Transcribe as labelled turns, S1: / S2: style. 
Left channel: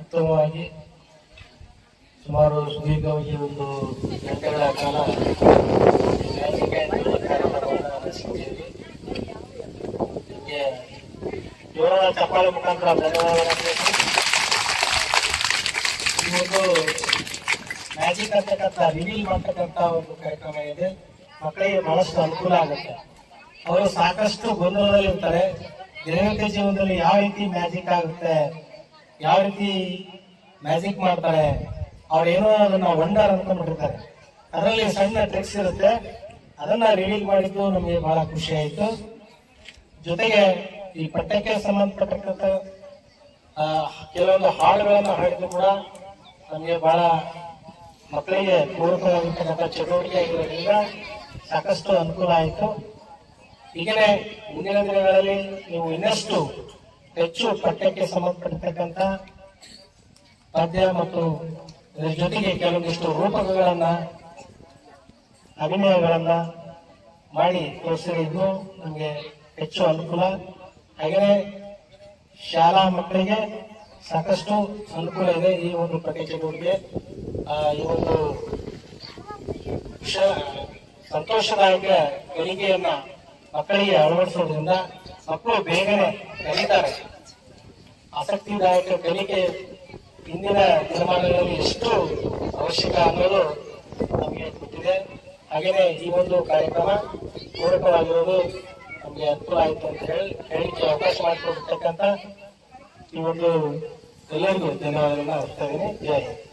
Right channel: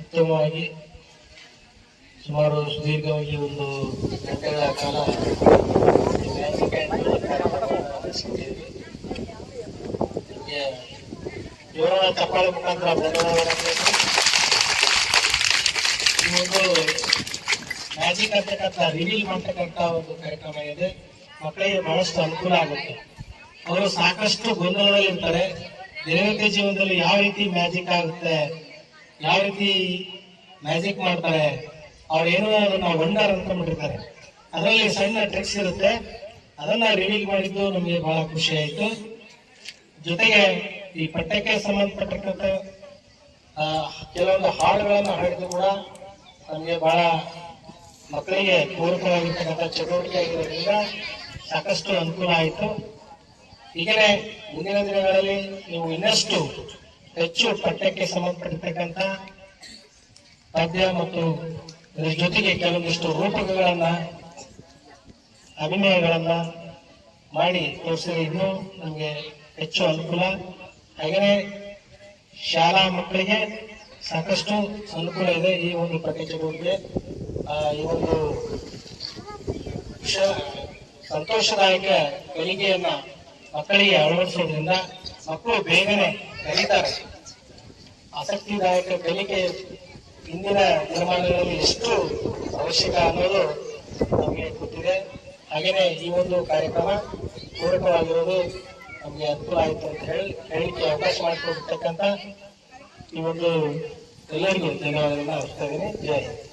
S1: ಉತ್ತಮವಾಗಿ ಸುಮಾರು ಸುದೀರ್ಘವಾಗಿ ಒಂದು ಗಂಟೆಗಳ ಕಾಲ ನಡೆಸಿದ್ದೀವಿ. ಮುಖಾಂತರ ಮ್ಯಾಜಿಕ್ ಅಂತಕ್ಕಂಥ ರಿವೀಲ್ ಮಾಡ್ತಕ್ಕಂಥ ಒಂದು ಕಾರ್ಯಕ್ರಮ ಇದೆ. ಮಕ್ಕಳಿಗೆ ಬಹಳಷ್ಟು ಅನುಕೂಲ ಆಗುತ್ತೆ. ಅವರು ಸಾಕಷ್ಟು ಗೊಂದಲದಲ್ಲಿ ಇರ್ತಾರೆ ದಿನನಿತ್ಯ ಜೀವನದಲ್ಲಿ ಯಾವ ರೀತಿ ಮ್ಯಾಜಿಕ್ ಆಗುತ್ತೆ? ಯಾವ ರೀತಿ ಮ್ಯಾಜಿಕ್ ಮಾಡ್ತಾರೆ ಅವ್ರೇನೋ ಅದನ್ನ ವಂಡರ್ ಅಂದ್ಕೊಂಡ್ಬಿಟ್ಟಿರ್ತಾರೆ ಅದರಲ್ಲಿ ಸಣ್ಣ ಟ್ರಿಕ್ಸ್ ಇರುತ್ತೆ. ಅದನ್ನ ರಿವೀಲ್ ಮಾಡಿದ್ದು ನಮಗೆ ಬಹಳ ಖುಷಿ ಆಯಿತು. ಜೊತೆಗೆ ಈ ಪಠ್ಯಕ್ಕೆ ಸಂಬಂಧಪಟ್ಟಂತ ಕೆಲವೊಂದು ಹಾಡುಗಳನ್ನು ಹಾಡಿದ್ರು ಕೂಡ ನಮಗೆ ಬಹಳ ಮಕ್ಕಳಿಗೆ ಪೂರಕವಾಗಿರ್ತಕ್ಕಂಥ ಚಟುವಟಿಕೆ ಆಗಿರೋದ್ರಿಂದ ಸಾಕಷ್ಟು ಅನುಕೂಲ ಆಯಿತು. ಈಗಲೇ ಮುಂದಿನ ದಿನಗಳಲ್ಲಿ ನೀವು ಇನ್ನಷ್ಟು ಹೆಚ್ಚು ಪಠ್ಯಕ್ಕೆ ಸಂಬಂಧಪಟ್ಟಿರ್ತಕ್ಕಂಥ ಪದ್ಯ ಮತ್ತು ಇದರ ಜೊತೆಗೆ ಕೆಲವೊಂದಿಷ್ಟು ರೂಪಕಗಳನ್ನ, ಅಭಿನಯಗಳನ್ನ ಮಾಡಿ ತೋರಿಸಿದ್ರೆ ಇನ್ನೂ ನಮಗೆ ಹೆಚ್ಚು ಅನುಕೂಲ. ಹಾಗೆಯೇ ಶಾಲಾ ಮಕ್ಕಳಿಗೆ ಸಾಕಷ್ಟು ಅನುಕೂಲ ಇದೆ ಈ ಒಂದು ಪಠ್ಯ ಚಟುವಟಿಕೆ ಈ ಒಂದು ಸಂತೋಷದಾಯಕ ಕಲಿಕೆಯನ್ನ ಮಕ್ಕಳಿಗೆ ಅಳವಡಿಸೋದ್ರಿಂದ ಮಕ್ಕಳು ಬೇಗನೆ ಕಲಿತಾರೆ. ಆಸಕ್ತಿದಾಯಕ ಕಲಿಕೆ ಇಂದಿನ ನಿರ್ಮಾಣಗಳಲ್ಲಿ ಎಷ್ಟು ಅವಶ್ಯಕ ಅನ್ನೋದು ನಮಗೆ ಗೊತ್ತಿದೆ. ಹಾಗೆಯೇ ಈ ಒಂದು ಕಾರ್ಯಕ್ರಮ ಪೂರಕವಾಗಿರೋದು ನಮಗೆ ಅನುಕೂಲ ಆಯಿತು ಅಂತ ಹೇಳಿ ಹೇಳಿಕೆ ಅವಕಾಶ ಮಾಡಿಕೊಟ್ಟಿರ್ತಕ್ಕಂಥ ಈ ಒಂದು ಎಲ್ಲರಿಗೂ ಧನ್ಯವಾದಗಳನ್ನ ಹೋಗ್ತಾ ಇದ್ದೀನಿ. ಜೈ ಹಿಂದ್.